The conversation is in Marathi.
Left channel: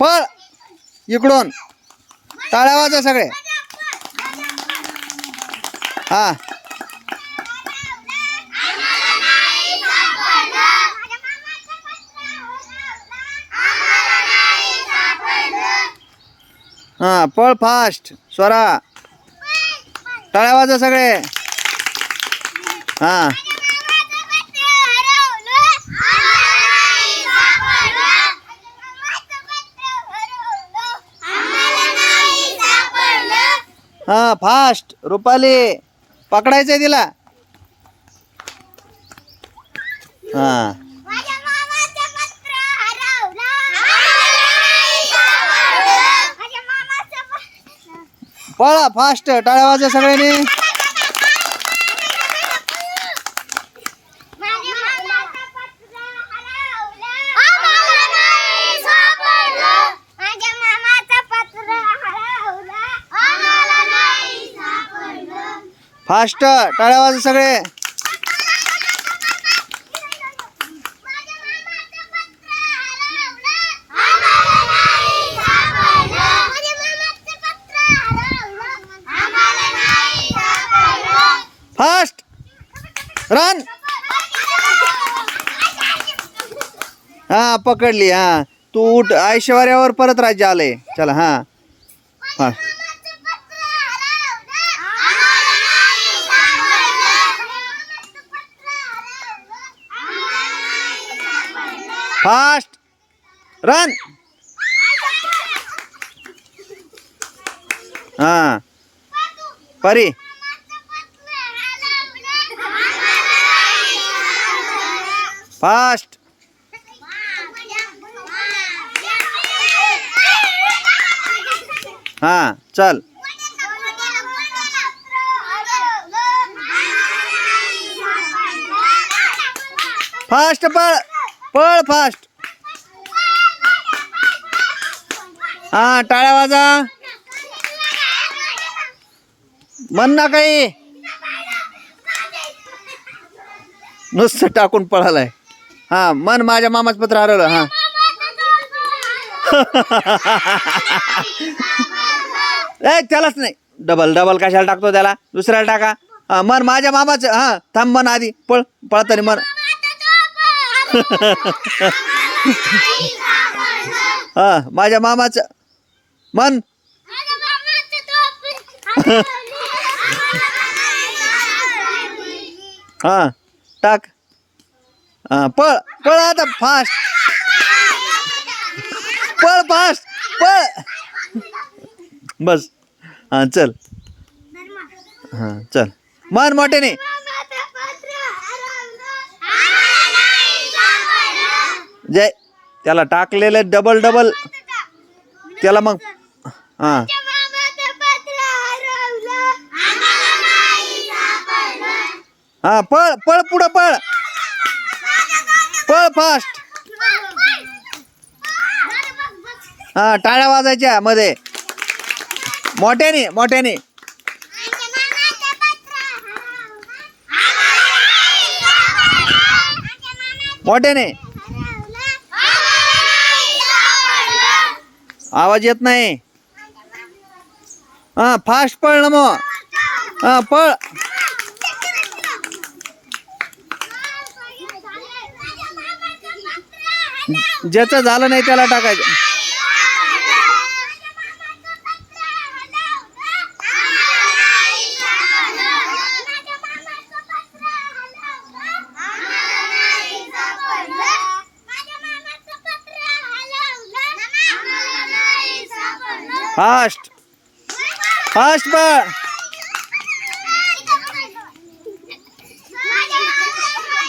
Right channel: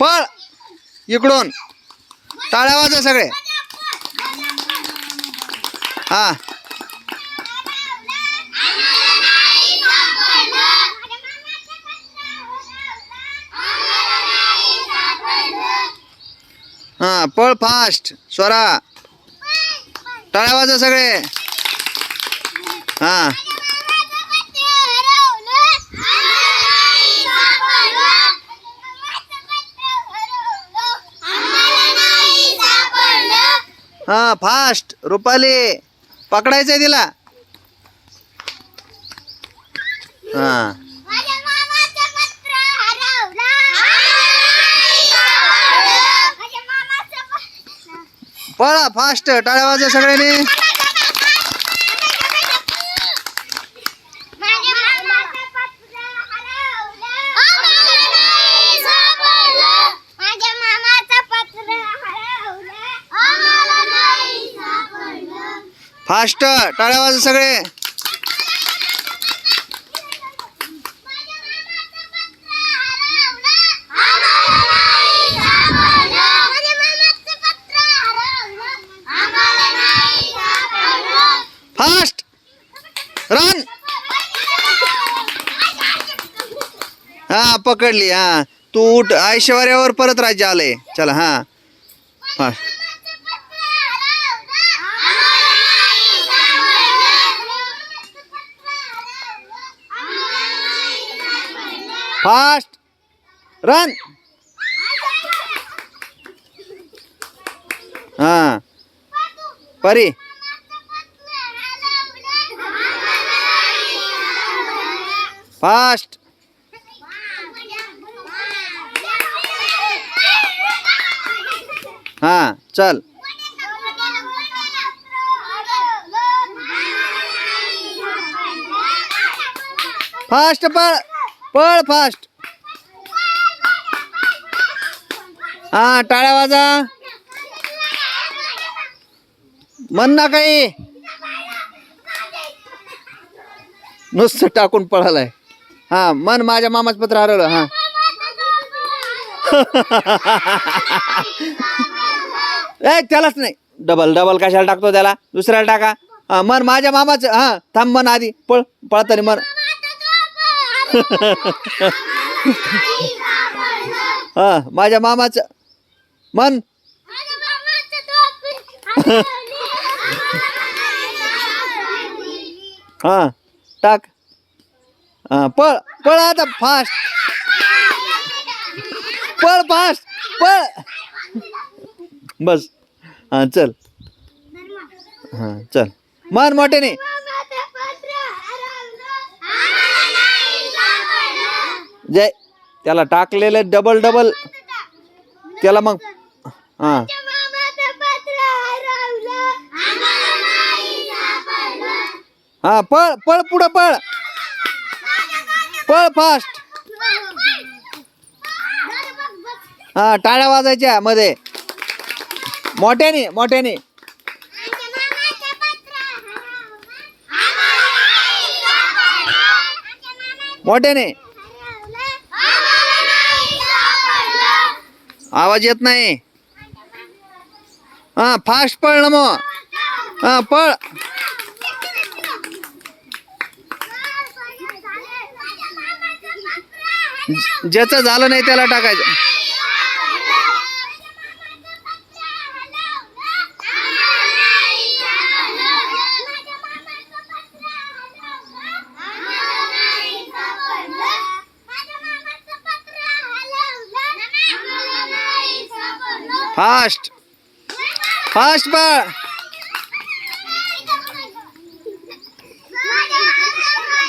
पळ. इकडून. टाळ्या वाजा सगळे. हा. हा पळ फास्ट स्वरा. टाळ्या वाजा सगळे. हा. हा फास्ट रुपाली पकडायचंय तिला. हा. पळा फास्ट टाळ्या वाजा सगळ्यांनी माझ्या मामाचं पत्र हरवलं आम्हाला नाही सापडलं फास्ट टाळ्या वाजा सगळे माझ्या मामाचं पत्र हरवलं आम्हाला नाही सापडलं माझ्या मामाचं पत्र फास्ट टाळ्या नाही सगळे. फास्ट रन हा पकडली हा. तू उठ ऐश्वर्यावर परत राज्य आलंय. चला हा. फास्ट. फास्ट रन हाँ परी फास्ट हाँ चल फास्ट पळ पळ फास्ट. हा टाळ्या वाजा. म्हण ना काही. नुसतं टाकून पळालाय. हा मन माझ्या मामाच पत्र हरवलं हा. ए त्यालाच नाही. डबल डबल कशाला टाकतो त्याला? दुसऱ्याला टाका. हा मन माझ्या मामाचं हा थांब मन आधी. पळ पळतानी मन हा माझ्या मामाचं. मन हा टाक. हा पळ पळ आता फास्ट पळ फास्ट पळ. बस. हा चल. हा चल. मन मोठे नाही जय त्याला टाकलेलं डबल डबल त्याला मग हा. हा पळ पळ पुढं पळ. पळ फास्ट हा टाळ्या वाजायच्या मध्ये. मोठ्याने मोठ्याने. मोठ्याने. आवाज येत नाही. हा फास्ट पळ ना मग. हा पळ. ज्याचं झालं नाही त्याला टाकायचं. फास्ट फास्ट बा